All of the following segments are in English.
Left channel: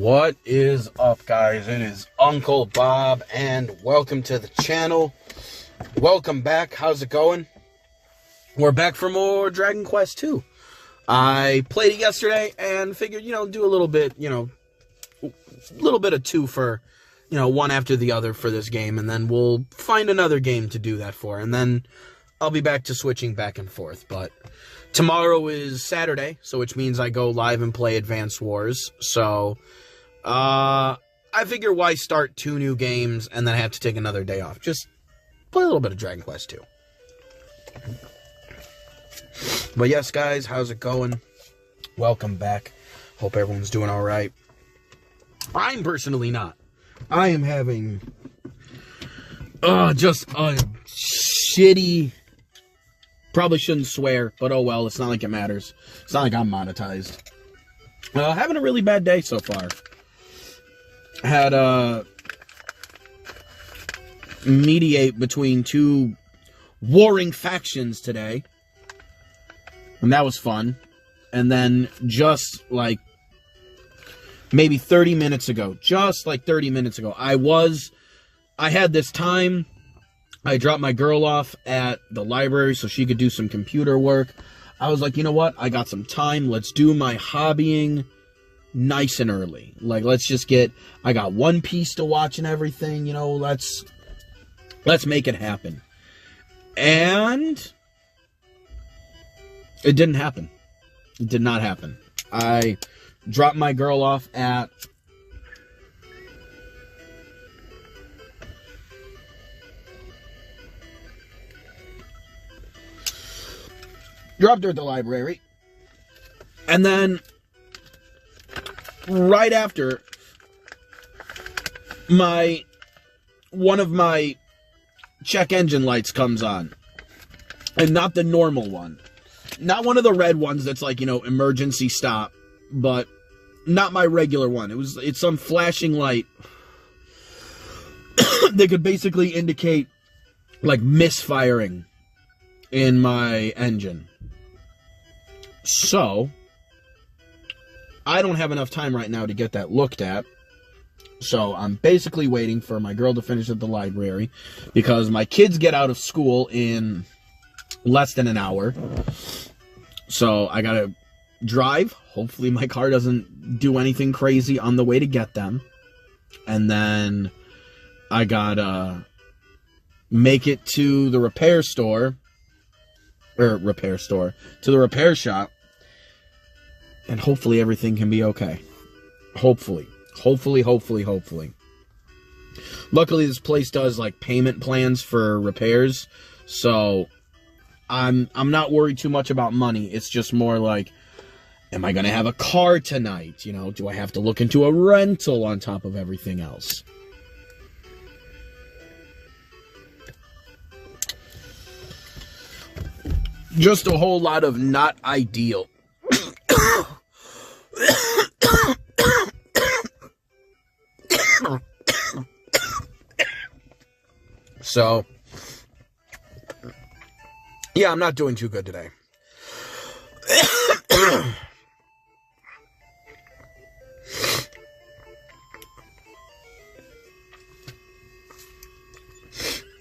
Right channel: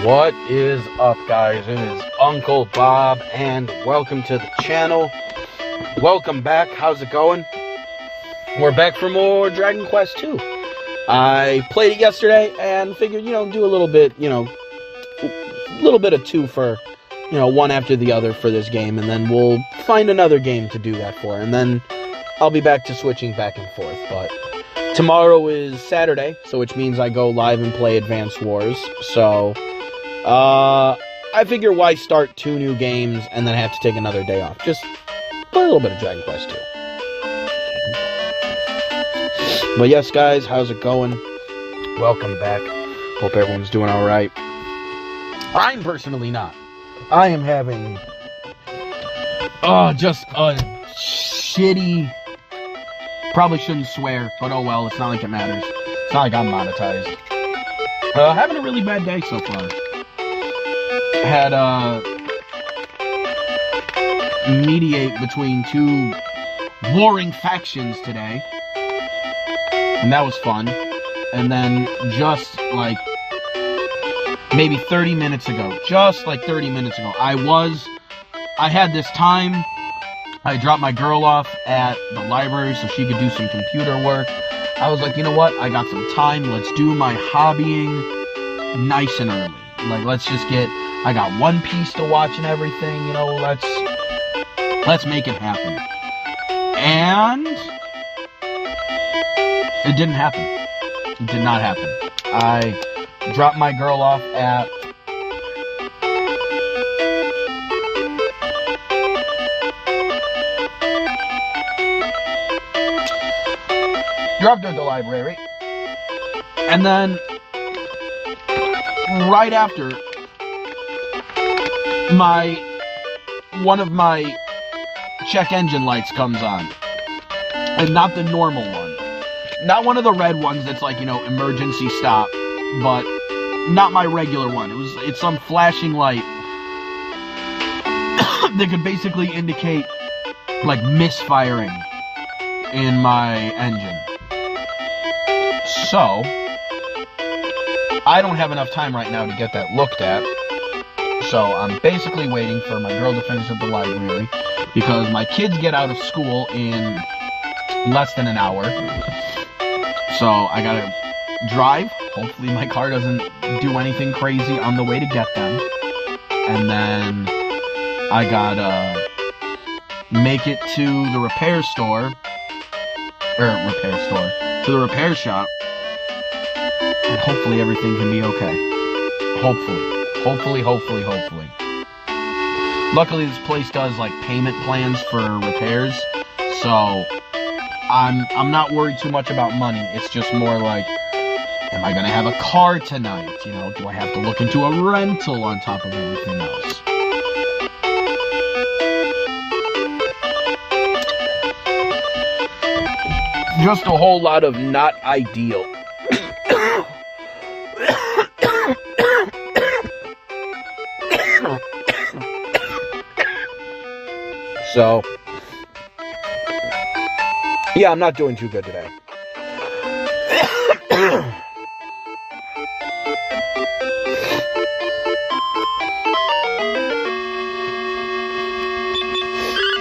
What is up, guys? It is Uncle Bob, and welcome to the channel. Welcome back. How's it going? We're back for more DragonQuest 2. I played it yesterday and figured, do a little bit, a little bit of two for, one after the other for this game, and then we'll find another game to do that for, and then I'll be back to switching back and forth. But tomorrow is Saturday, so which means I go live and play Advanced Wars, so I figure why start 2 new games and then have to take another day off. Just play a little bit of Dragon Quest 2. But yes, guys, how's it going? Welcome back. Hope everyone's doing alright. I'm personally not. I am having just a shitty, probably shouldn't swear, but oh well, it's not like it matters. It's not like I'm monetized. Having a really bad day so far. Had mediate between 2 warring factions today, and that was fun. And then just like maybe 30 minutes ago, I had this time. I dropped my girl off at the library so she could do some computer work. I was like, you know what? I got some time. Let's do my hobbying nice and early. Like, let's just get... I got One Piece to watch and everything, let's make it happen. And it didn't happen. It did not happen. I dropped my girl off at dropped her at the library, and then right after, one of my check engine lights comes on, and not the normal one, not one of the red ones that's like, emergency stop, but not my regular one. It's some flashing light that could basically indicate like misfiring in my engine. So I don't have enough time right now to get that looked at. So I'm basically waiting for my girl to finish at the library, because my kids get out of school in less than an hour. So I gotta drive. Hopefully my car doesn't do anything crazy on the way to get them. And then I gotta make it to the repair shop. And hopefully everything can be okay. Hopefully. Luckily, this place does like payment plans for repairs, so I'm not worried too much about money. It's just more like, am I gonna have a car tonight? Do I have to look into a rental on top of everything else? Just a whole lot of not ideal. So, yeah, I'm not doing too good today.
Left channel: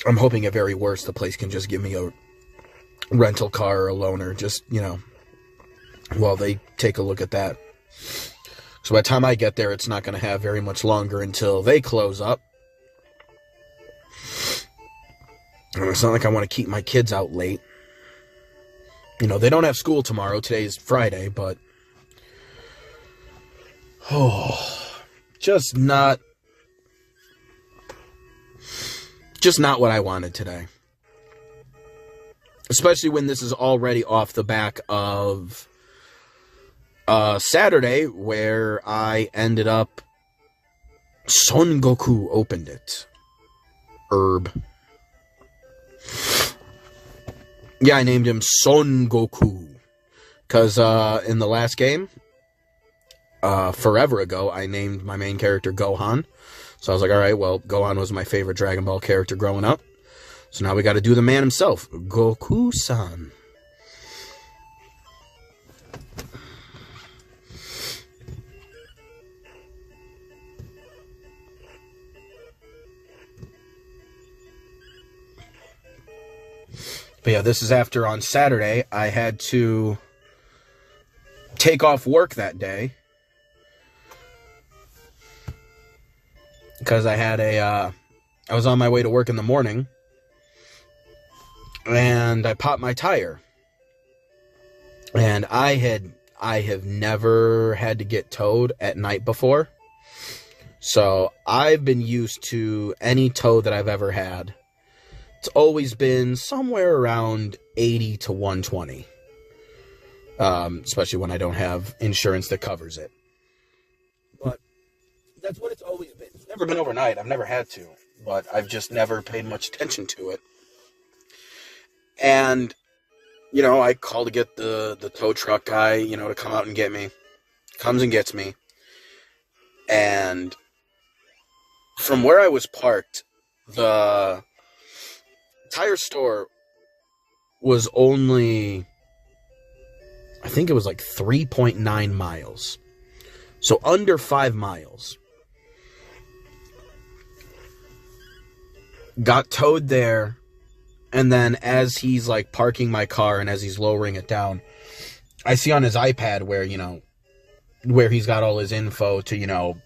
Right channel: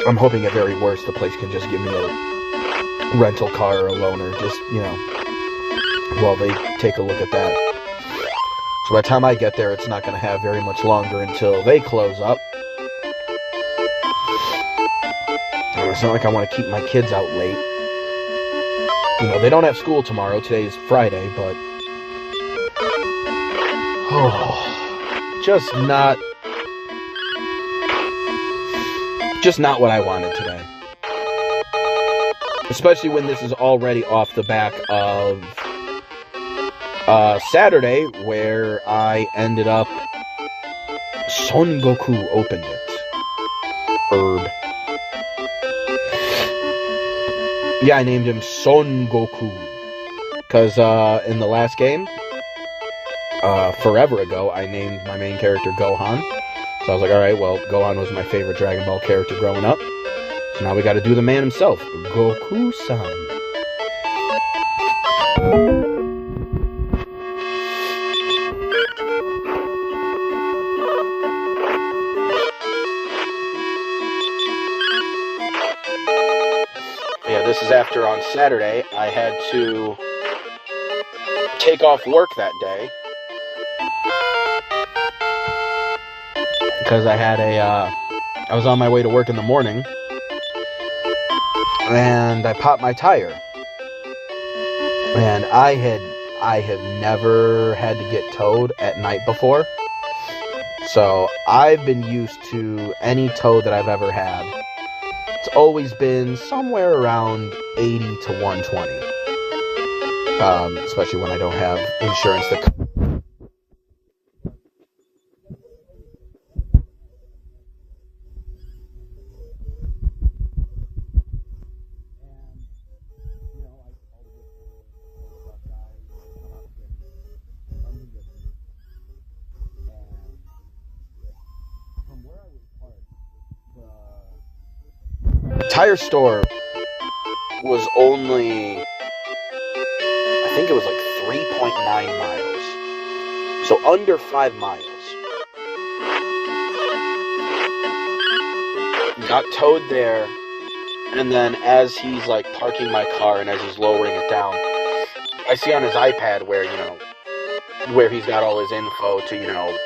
I'm hoping at very worst the place can just give me a rental car or a loaner, just, while they take a look at that. So by the time I get there, it's not going to have very much longer until they close up. And it's not like I want to keep my kids out late. They don't have school tomorrow. Today's Friday, but... Just not what I wanted today. Especially when this is already off the back of Saturday, where I ended up... Son Goku opened it. Herb. Yeah, I named him Son Goku. Because in the last game, forever ago, I named my main character Gohan. So I was like, alright, well, Gohan was my favorite Dragon Ball character growing up. So now we gotta do the man himself, Goku-san. But yeah, this is after on Saturday I had to take off work that day because I had I was on my way to work in the morning and I popped my tire. And I have never had to get towed at night before. So I've been used to any tow that I've ever had. It's always been somewhere around 80 to 120. Especially when I don't have insurance that covers it. But that's what it's always been. It's never been overnight. I've never had to. But I've just never paid much attention to it. And, you know, I call to get the tow truck guy, you know, to come out and get me. Comes and gets me. And from where I was parked, the tire store was only, I think it was like 3.9 miles. So under 5 miles. Got towed there. And then as he's like parking my car and as he's lowering it down, I see on his iPad where, you know, where he's got all his info to, you know,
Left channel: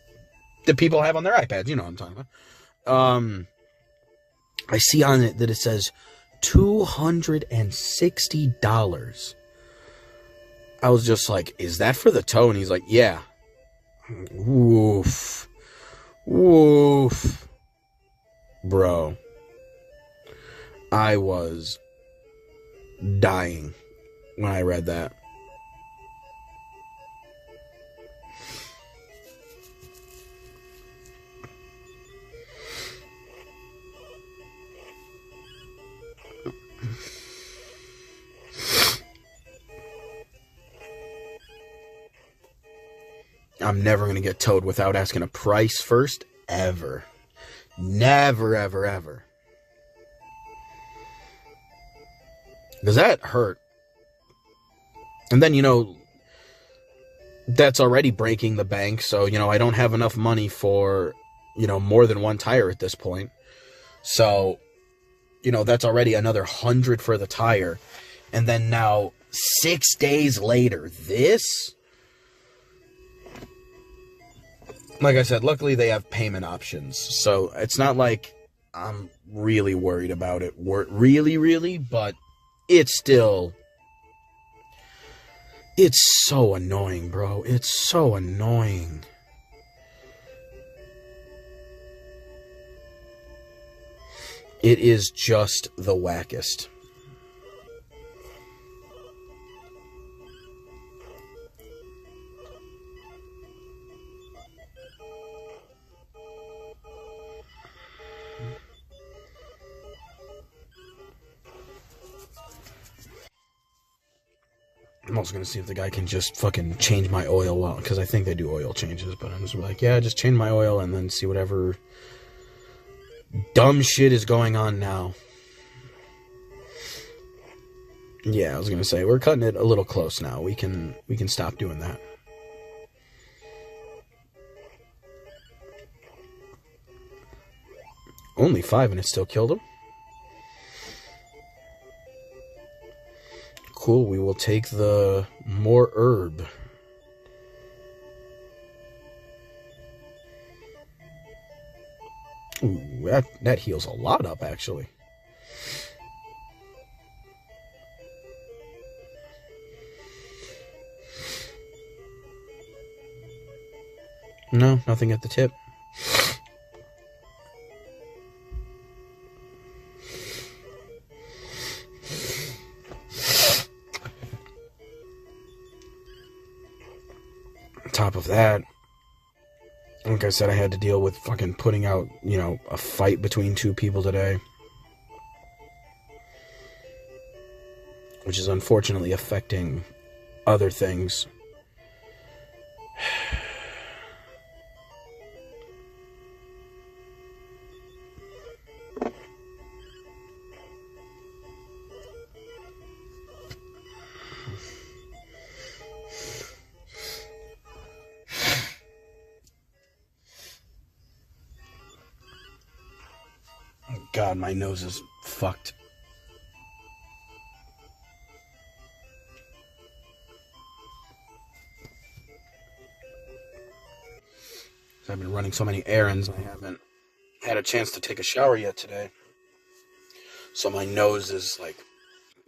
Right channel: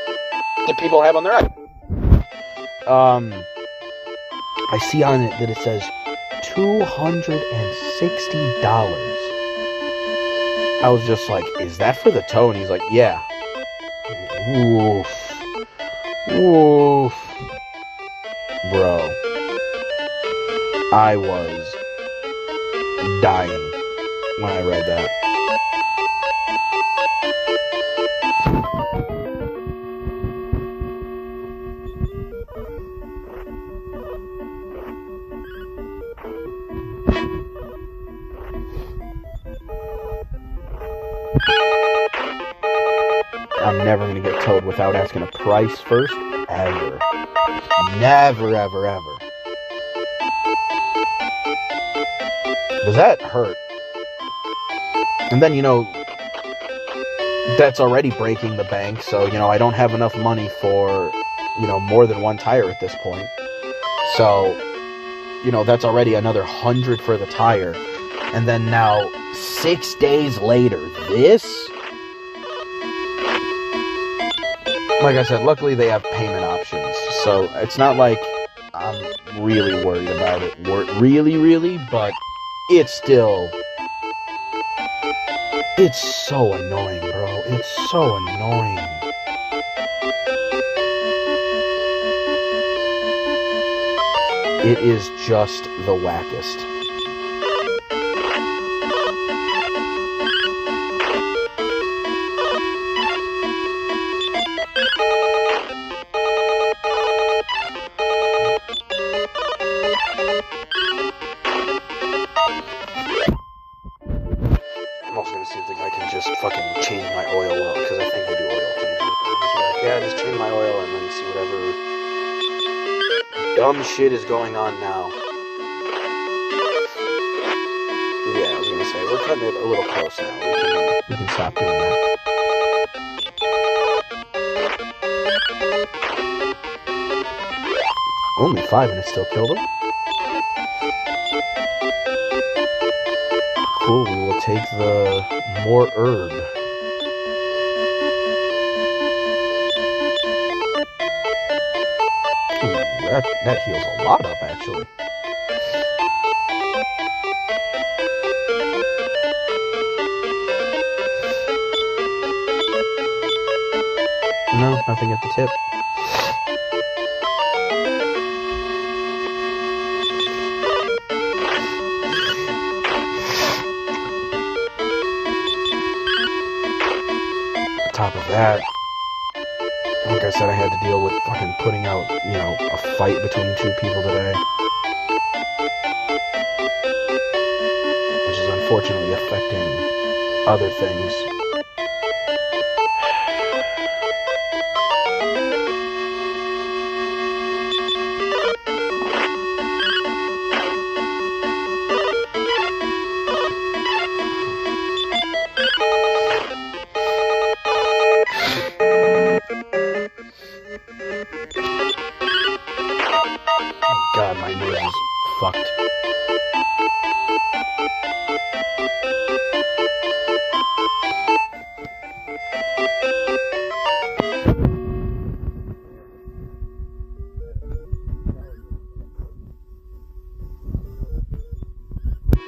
that people have on their iPads, you know what I'm talking about. I see on it that it says $260. I was just like, is that for the tow? And he's like, yeah. Woof. Woof. Bro. I was dying when I read that. I'm never going to get towed without asking a price first, ever. Never, ever, ever. Does that hurt? And then, you know, that's already breaking the bank, so, you know, I don't have enough money for, you know, more than one tire at this point. So, you know, that's already another $100 for the tire. And then now, 6 days later, this? Like I said, luckily they have payment options, so it's not like I'm really worried about it. Really, but it's still... It's so annoying, bro. It's so annoying. It is just the wackest. I'm also gonna see if the guy can just fucking change my oil well, because I think they do oil changes, but I'm just like, yeah, just change my oil and then see whatever dumb shit is going on now. Yeah, I was gonna say, we're cutting it a little close now. We can stop doing that. Only 5 and it still killed him? Cool, we will take the more herb. Ooh, that heals a lot up, actually. No, nothing at the tip. Top of that, like I said, I had to deal with fucking putting out, you know, a fight between 2 people today, which is unfortunately affecting other things. God, my nose is fucked. so many errands. I haven't had a chance to take a shower yet today. So my nose is like,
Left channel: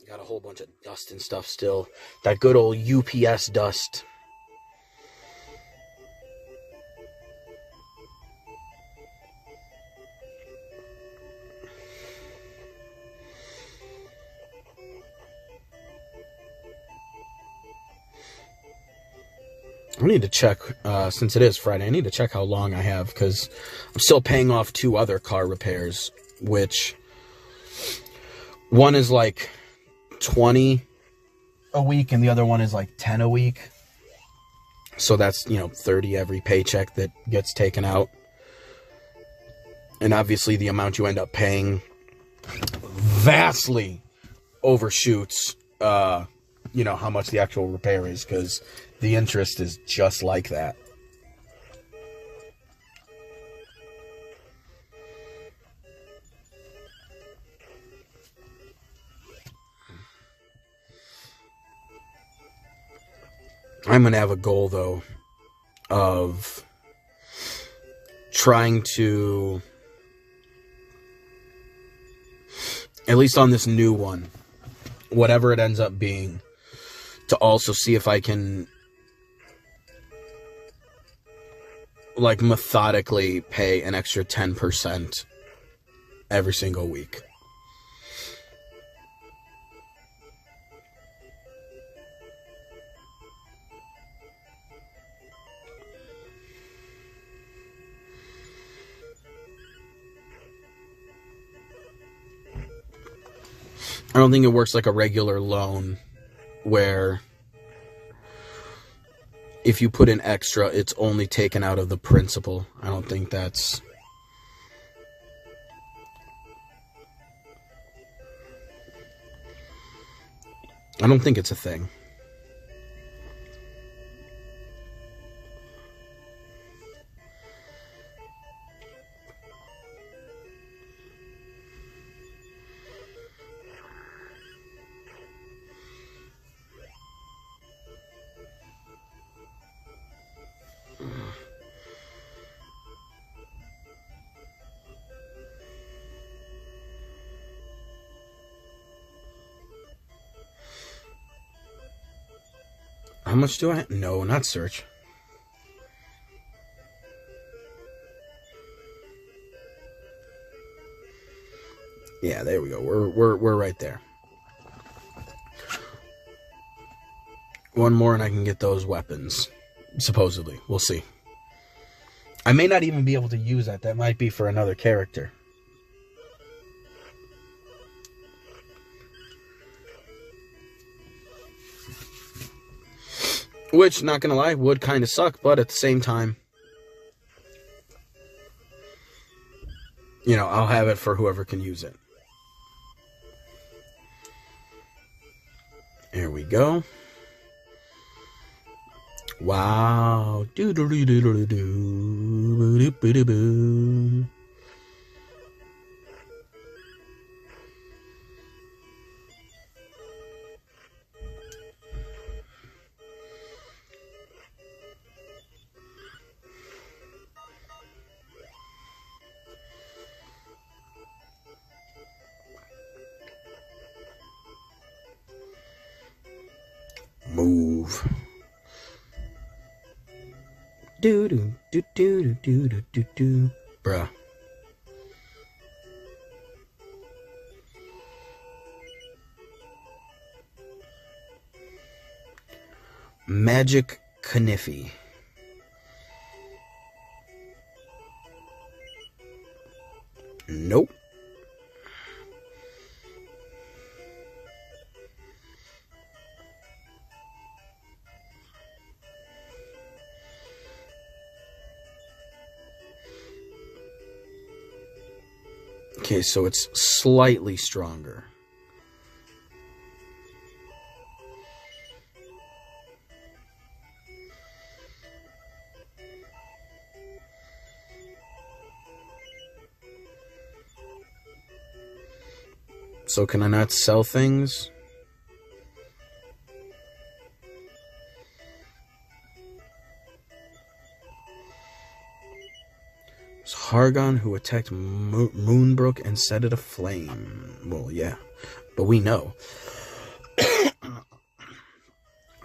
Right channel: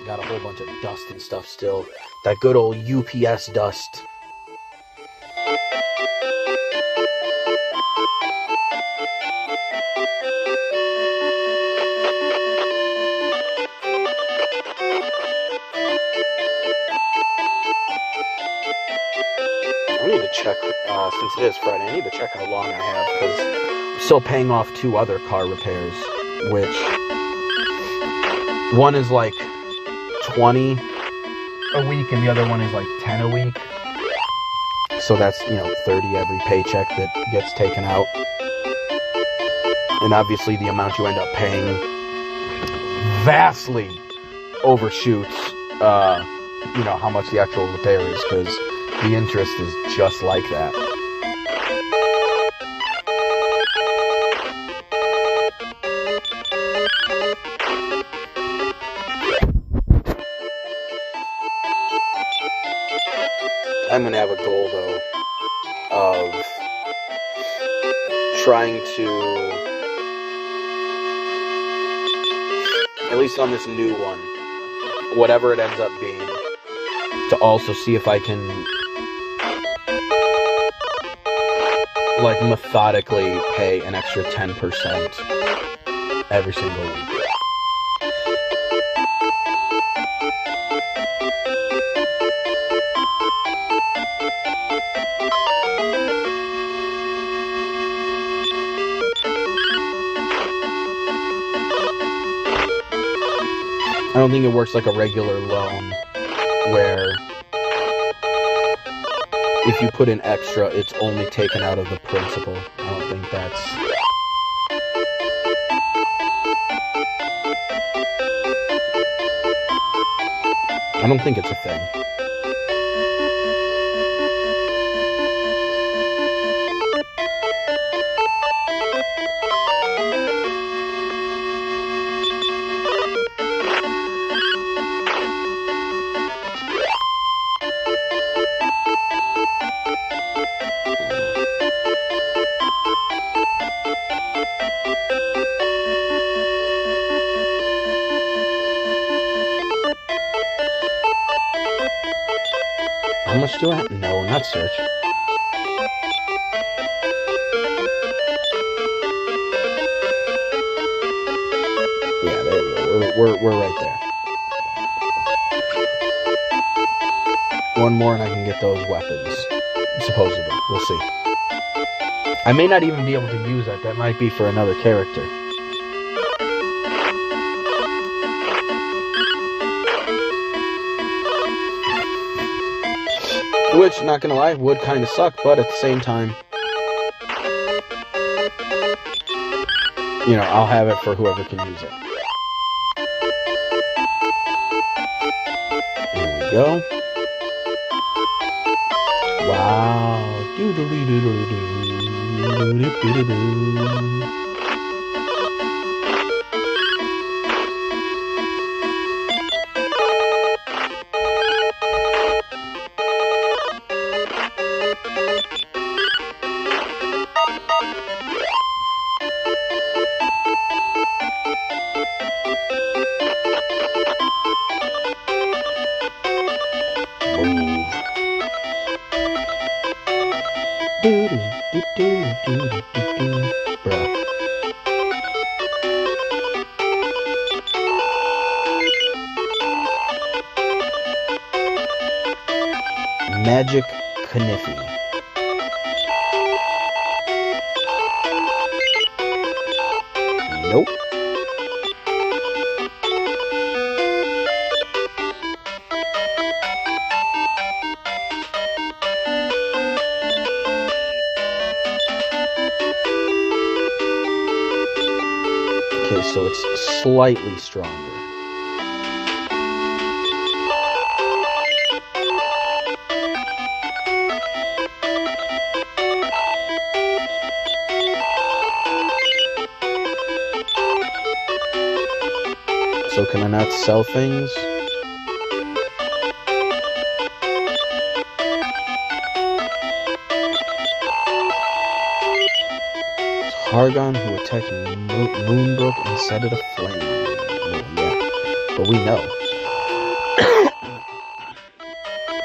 got a whole bunch of dust and stuff still. That good old UPS dust. I need to check, since it is Friday, I need to check how long I have, because I'm still paying off 2 other car repairs, which one is like 20 a week and the other one is like 10 a week. So that's, 30 every paycheck that gets taken out. And obviously the amount you end up paying vastly overshoots, how much the actual repair is, because the interest is just like that. I'm going to have a goal, though, of trying to, at least on this new one, whatever it ends up being, to also see if I can methodically pay an extra 10% every single week. I don't think it works like a regular loan where if you put in extra, it's only taken out of the principal. I don't think that's... I don't think it's a thing. How much do I have? No, not search. Yeah, there we go. We're right there. One more and I can get those weapons. Supposedly. We'll see. I may not even be able to use that. That might be for another character. Which, not gonna lie, would kind of suck, but at the same time, I'll have it for whoever can use it. There we go. Wow. Move. Bruh. Magic Kniffy. Nope. Okay, so it's slightly stronger. So can I not sell things? Hargon, who attacked Moonbrook and set it aflame. Well, yeah, but we know.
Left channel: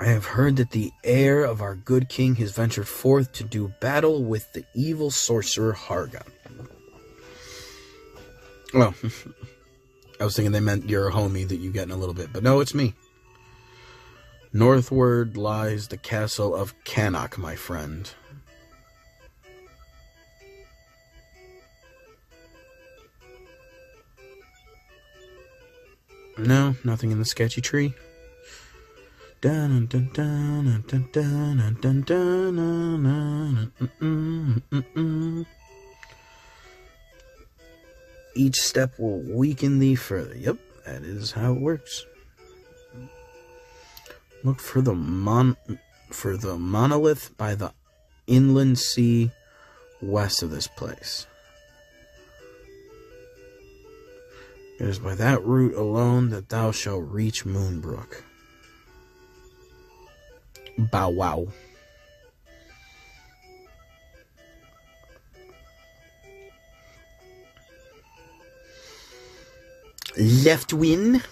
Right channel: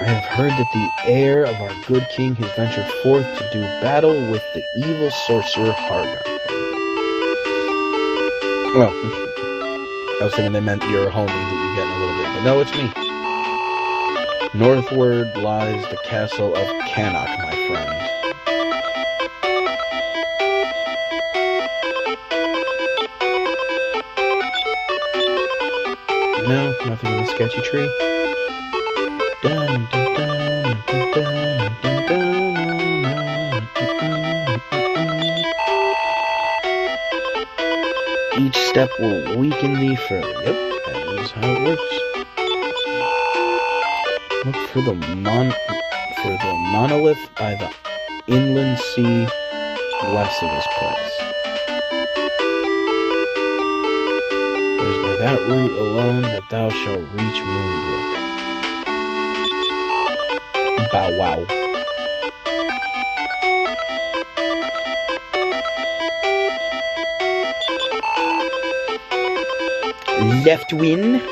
I have heard that the heir of our good king has ventured forth to do battle with the evil sorcerer Hargon. Well, I was thinking they meant your homie that you get in a little bit, but no, it's me. Northward lies the castle of Cannock, my friend. No, nothing in the sketchy tree. Each step will weaken thee further. Yep, that is how it works. Look for the monolith by the inland sea west of this place. It is by that route alone that thou shalt reach Moonbrook. Bow wow. Left win.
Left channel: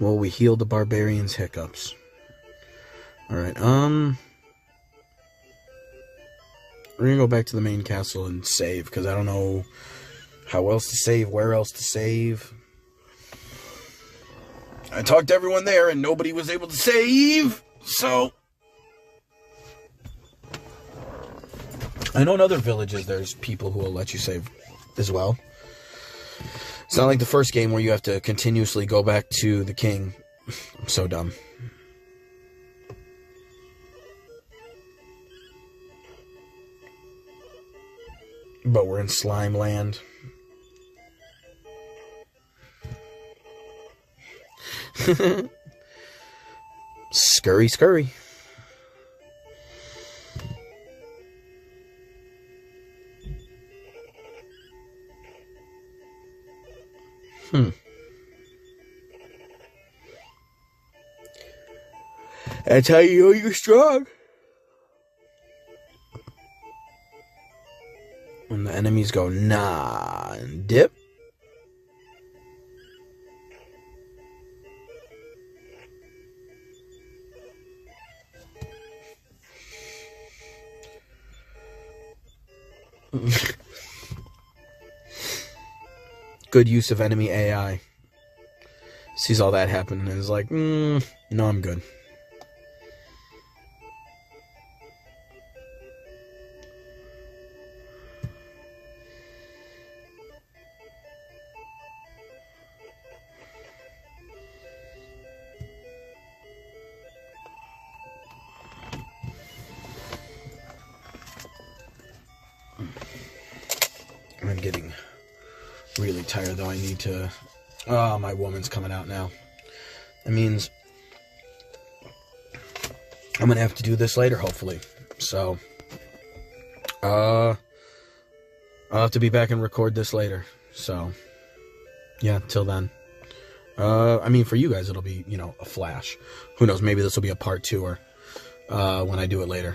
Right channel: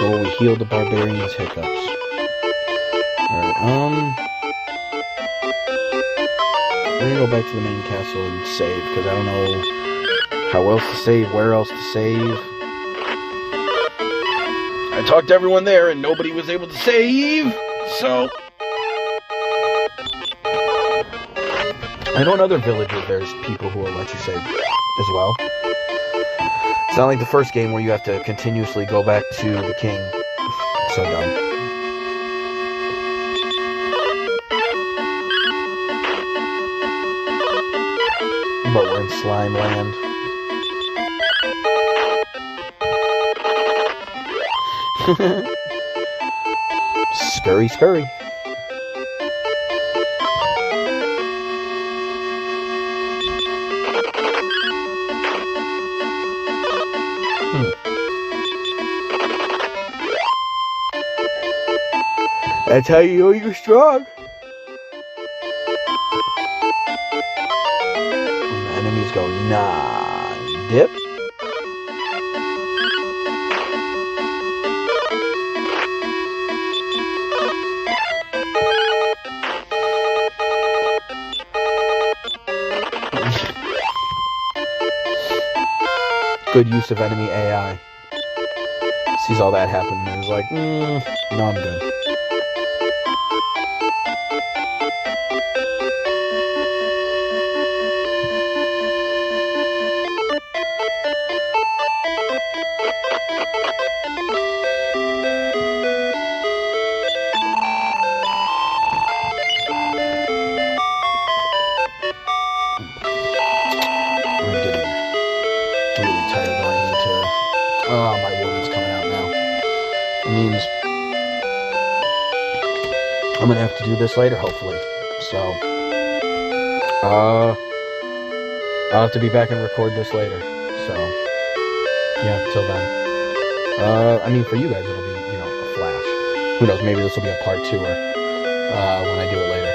Well, we healed the barbarian's hiccups. Alright, we're gonna go back to the main castle and save, because I don't know how else to save, where else to save. I talked to everyone there and nobody was able to save, so I know in other villages there's people who will let you save as well. It's not like the first game where you have to continuously go back to the king. I'm so dumb. But we're in Slime Land. Scurry, scurry. That's how you know you're strong. When the enemies go, nah, dip. Good use of enemy AI. Sees all that happen and is like, no, I'm good. Really tired though. I need to... Oh, my woman's coming out now. It means I'm gonna have to do this later, hopefully. So, I'll have to be back and record this later. So, yeah, till then. I mean, for you guys, it'll be, a flash. Who knows? Maybe this will be a part 2 or when I do it later.